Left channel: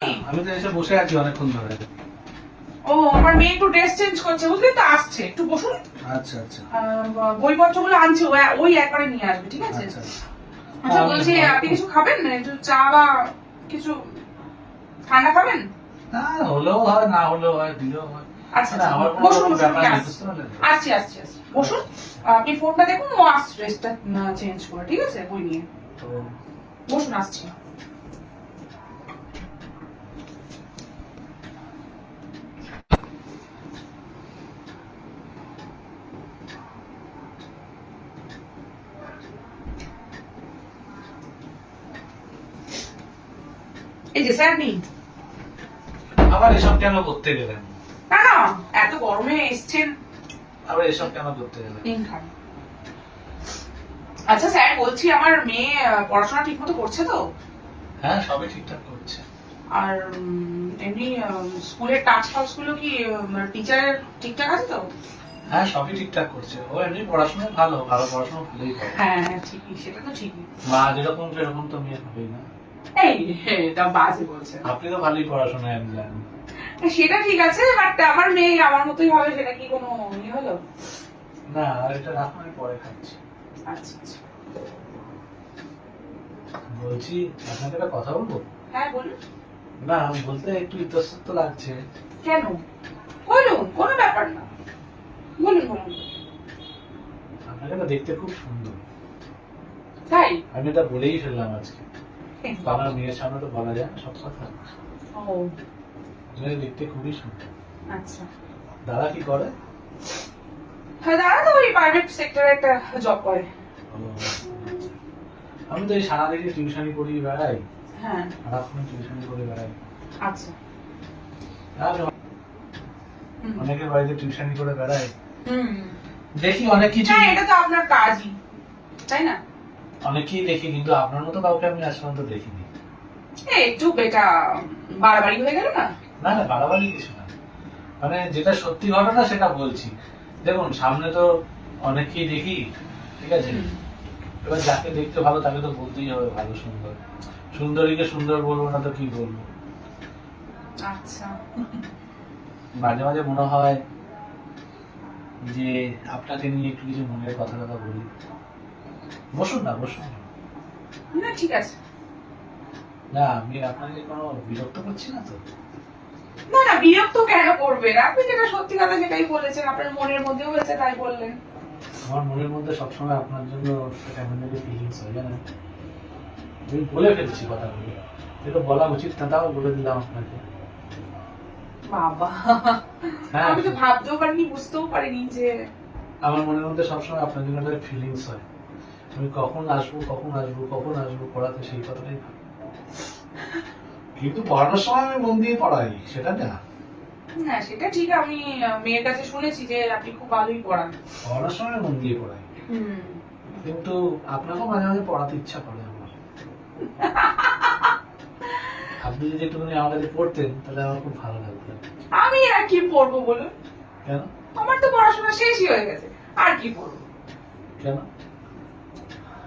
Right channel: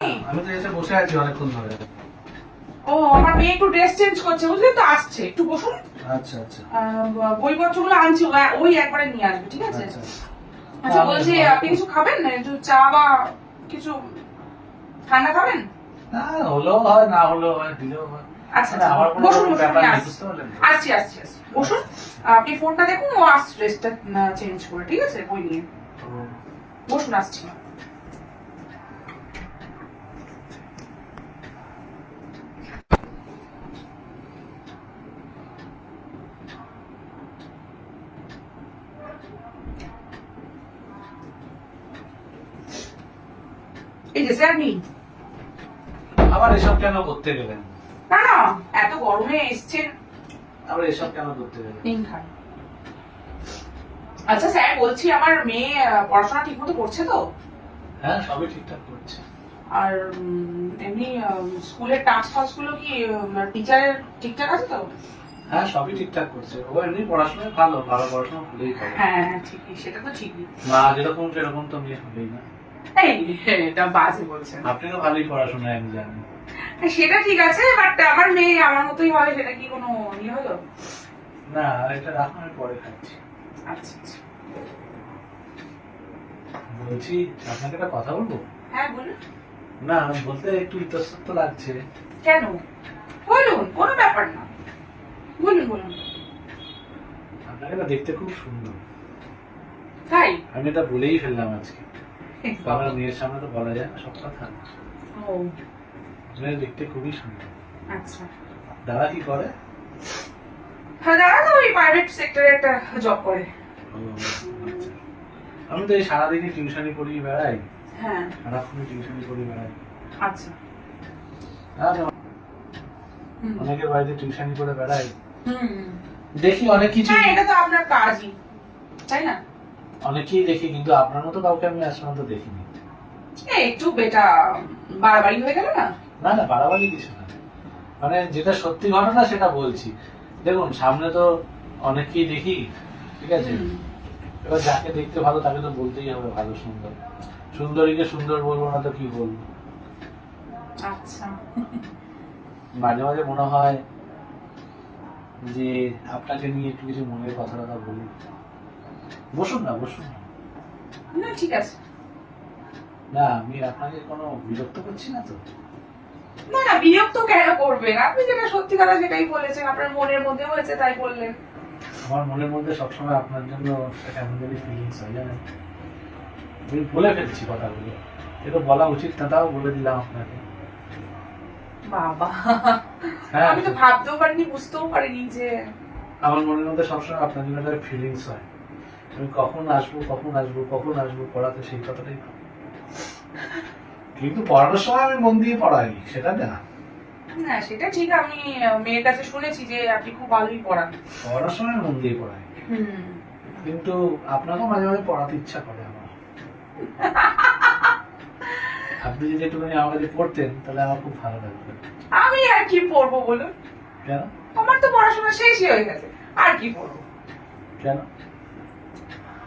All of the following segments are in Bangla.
আমি তো এসে বসে আছি অনেকক্ষণ ধরে। ও আমার মেয়ে একটু ড্রেস চেঞ্জ করছে, বুঝলি তো, আসছে, একটু বসুন। আচ্ছা আচ্ছা বইপত্রগুলো আনছি, ওই একবারে নিয়ে আসবে, ঠিক আছে? আচ্ছা আচ্ছা বলছি, আপনি কিছু খাবেন না? একটু চা বা কিছু ঠান্ডা খাবেন? না, হলেও হয় না হলেও হয়, দিলেও হয়। আচ্ছা না, আচ্ছা, আমার কোনো বসুন রকম বসুন, ব্যাপার আমি নেই, আসছি বুঝতে পারলেন তো? আসছি আসছি আসছি, বসুন। আপনি ফোনটা দেখুন, ও আসছে ড্রেসটা চেঞ্জ করে, ঠিক আছে, বই নিয়ে। তো বসুন, আসছি। এই যে স্যার নিন। আবার এসব কেন করতে গেলেন? না না, এত গরমে এসছেন, আবার এসব কেন করতে গেলেন? নিন খান। আচ্ছা স্যার, বলছি আমার মেয়ে পড়াশোনা ঠিক মতো করছে তো? হ্যাঁ, সবই ঠিকঠাক করছে। আর এমনি স্কুলের টাস্ক ফাস্ক গুলো কি টিচারের ঠিকঠাক আছে তো? হ্যাঁ, সবই ঠিকঠাক করছে। ও এমনি পড়াশোনায় ভালো, ভালো পড়াশোনা ভালোই করে। হ্যাঁ হ্যাঁ, ঠিকই, সেটা তো ঠিকই। মা যেরকম সেরকম তো মেয়ে হবেই না। এই এটা বাজে বলছেন। আপনি তো ভালোই পড়াশোনায়, আমি জানি। সেটা ঠিক আছে, বাট আমার মেয়ে আমার মতোই হবে, সেটা কি কোনো ইয়ে হলো? না, আর এটা রাখুন, আমি পরে খাচ্ছি। আচ্ছা আচ্ছা। বলছি, আপনাকে একটা কথা বলবো? হ্যাঁ বলুন। না, বলতে একটু ইতস্তত লাগছে। কেন? বলুন, কোনো ব্যাপার না, বলুন বলুন। আপনাকে না দেখতে খুব সুন্দর। তাই? আমি এটা বলেই ফেললাম আজকে। কারণ মেয়ের সামনে তো বলা যায় না সব কথা। ও মেয়ে দেখতে খুবই সুন্দর। আচ্ছা। দাদা কি করে? হ্যাঁ, দাদা তো ওই প্রাইভেট সেক্টরে একটা জব করে। ও, আচ্ছা। আমি তো এই সারাদিনই টিউশনি করি বেড়াই। হ্যাঁ। সারাক্ষণ টিউশনি করি বেড়াই। আচ্ছা। আমি অনেকের বাড়িতে টিউশনি করে বেড়াই। হুম। দেখি অনেক কিছু। হ্যাঁ, এটা তো আপনার কাজই, তাই না? অনেকেই দেখি, কিন্তু আপনার মতো কাউকে আমি আজ পর্যন্ত দেখিনি। একটু বেটা বাড়াবাড়ি হয়ে গেল না? না না, বাড়াবাড়ি কিছু না। মানে যেটা সত্যি ঘটনা সেটা বলছি। দেখুন, সামনে তো অনেককেই দেখি, ঠিক আছে? এবার যাকে দেখতে ভালো তাকে তো বলতেই হবে ভালো সুন্দর। সুন্দরীকে সুন্দর বলবো না তো কি বলবো? আচ্ছা। মাঝে মাঝে মনে হয় যে আপনাকে নিয়ে একটু কিছু মনের কথা কথা বলি। বসুন না, বসুন না। না ঠিক আছে। না, আমি আপনাকে কোনো বিরক্ত করছি না তো? না না, বিরক্ত কেন করবেন? আপনি যেটা সত্যি কথা সেটাই বলেছেন, আপনার মনের মধ্যে হয়েছে তাই বললেন। আমার মনের মধ্যে সবসময় আপনার জন্য একটা কেমন জানি ফিলিংস হয়, জানেন? আমি বলে ফেলছি কথাগুলো, এটা বলা উচিত না, তাও বলে দিলাম আপনাকে। বাবা, হ্যাঁ, আমি তো ভাবতেও পারিনি, বুঝতেও পারিনি যে আমার মনের মধ্যে সবসময় আপনার জন্য একটা ফিলিংস হয়। আমি কখন আসবো কখন আসবো কখন আসবো পড়াতে, সেই কথাটাই ভাবি। কিন্তু পড়ানোর সময় আমি মন দিয়ে পড়াই, সেটা না। না সেটা ঠিক, আমি মেয়ের কাছে শুনেছি যে আপনি খুব ভালোই পড়ান। পড়ানোর সময় মন দিয়ে পড়াই, কিন্তু আপনাকেও মাঝে মাঝে পড়াতে ইচ্ছা করে আমার। আপনি যদি একটুখানি আমার কাছে পড়তেন তাহলে আমার খুব ভালো লাগতো। আমি আর কি পড়বো বলুন? কেন? আমার তো পড়াশোনা শেষই হয়ে গেছে, আর কি পড়বো? কেন?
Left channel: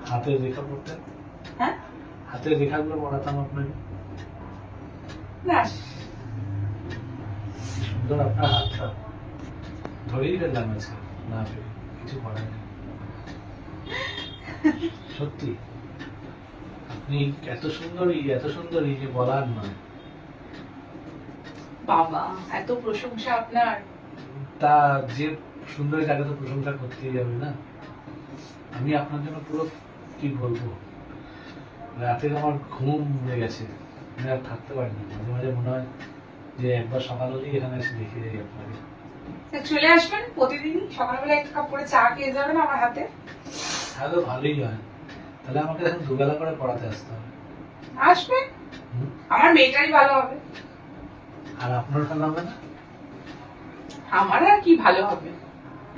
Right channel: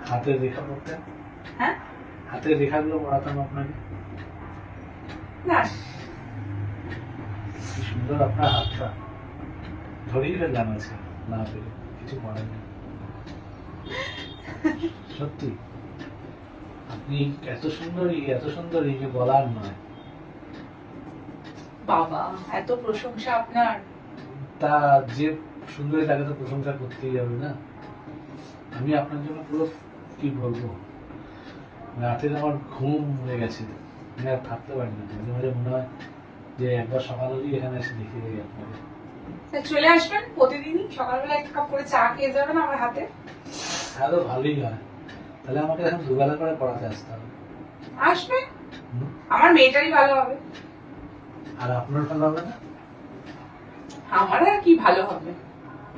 হাতের রেখা পড়তেন? হ্যাঁ, হাতের রেখাগুলো পড়াতাম আপনাকে। না কি সুন্দর আপনার হাতটা, ধরেই ফেললাম আজকে না পেরে, কিছু করার নেই। সত্যি আপনি এত সুন্দরী যে বলার নয়। বাবা, এত প্রশংসা আপনার। তা যে সুন্দরী তাকে তো প্রশংসা করতেই হবে না? আমি আপনার জন্য পুরো, কি বলবো, রাতের আমার ঘুম উড়ে গেছে, আমি আর থাকতে পারি না। মাঝে মাঝে মনে হয় যে একবার সকাল হলেই এখানে এসে দেখে যাই আপনাকে। চলে আসবেন প্রতিদিনই সকালবেলা এক কাপ করে চা খেয়ে যাবেন আমার হাতে। তাহলে ভালোই হয়। তাহলে আমাকে এখন দুবেলা করে পড়াতে আসতে হবে। আসবেন, আমার মেয়েটারই ভালো হবে। আর আপনার ভালো হবে না? আমার আর কি ভালো হবে?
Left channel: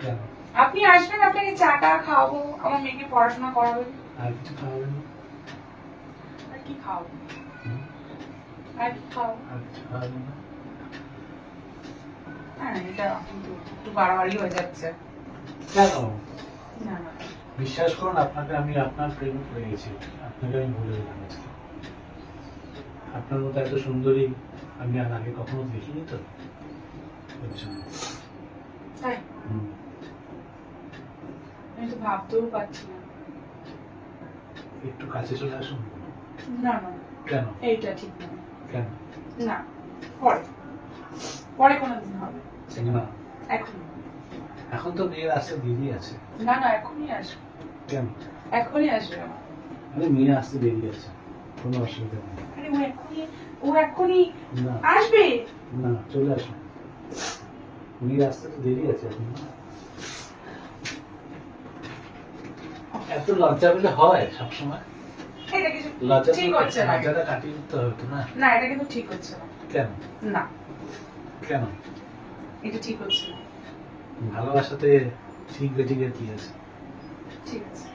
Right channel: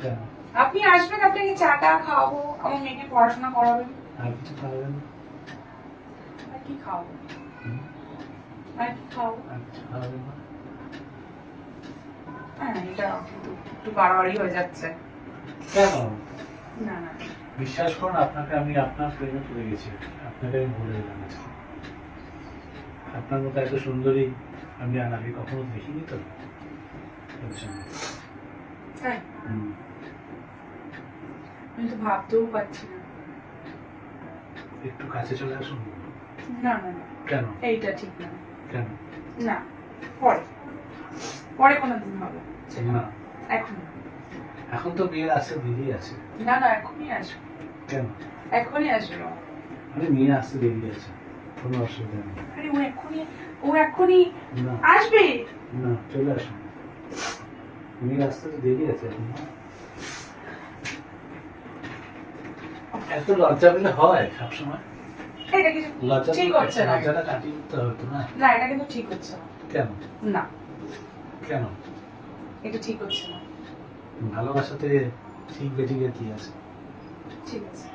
কেন? আপনি আসবেন, আপনাকে চাটা খাওয়াবো, আমার মেয়েকে পড়াশোনা করাবেন। আর কিছু খাওয়াবেন না? আর কি খাওয়াবো? হুম? আর কি খাওয়াবো? আর কিছু খাওয়াবেন না? হ্যাঁ, এটা কিন্তু একটু বাড়াবাড়ি হয়ে যাচ্ছে। কেন? না না, বিশ্বাস করুন, আপনাকে আমি আপনার প্রেমে পড়ে গেছি। আপনাকে আমি বলে দিলাম আজকে। আপনার মতো এত সুন্দরী আমি আর আগে কখনো দেখিনি তো বুঝছেন? তাই হুম। আমি তো ভাবতেও পারছি না। একটু কাছে চলে আসুন। না না না, কেন? এইটা ঠিক না। কেন? না, পরে পরে কোনোদিন হবে, না, এখন না। এখন তো মেয়ের আসতে দেরি আছে। না না, এখনই আসবে, কেন? এখনই আসবে আমার। আরে মেয়ে আসতে দেরি আছে, কোনো অসুবিধা নেই। আরে ও এখনই না আসবে। না, চলে আসুন। মেয়ের আসতে তো দেরি আছে এখন না? এত লজ্জা পেলে হয় সবসময়? এটা কিছু লজ্জা ঠিক হচ্ছে না। লজ্জাটা কাটিয়ে দিতে হবে তো না? না, এটা কিন্তু ঠিক হচ্ছে না। কেন? না, কেন? এটা ঠিক হচ্ছে না। ভালোবাসাতে ঠিক বেঠিকের কি আছে? ঠিক আছে,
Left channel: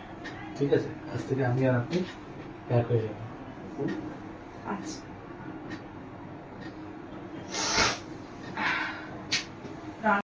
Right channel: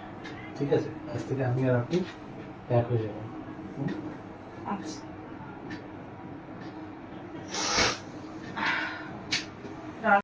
ঠিক আছে, আজ থেকে আমি আর আপনি এক হয়ে যাবো। আচ্ছা।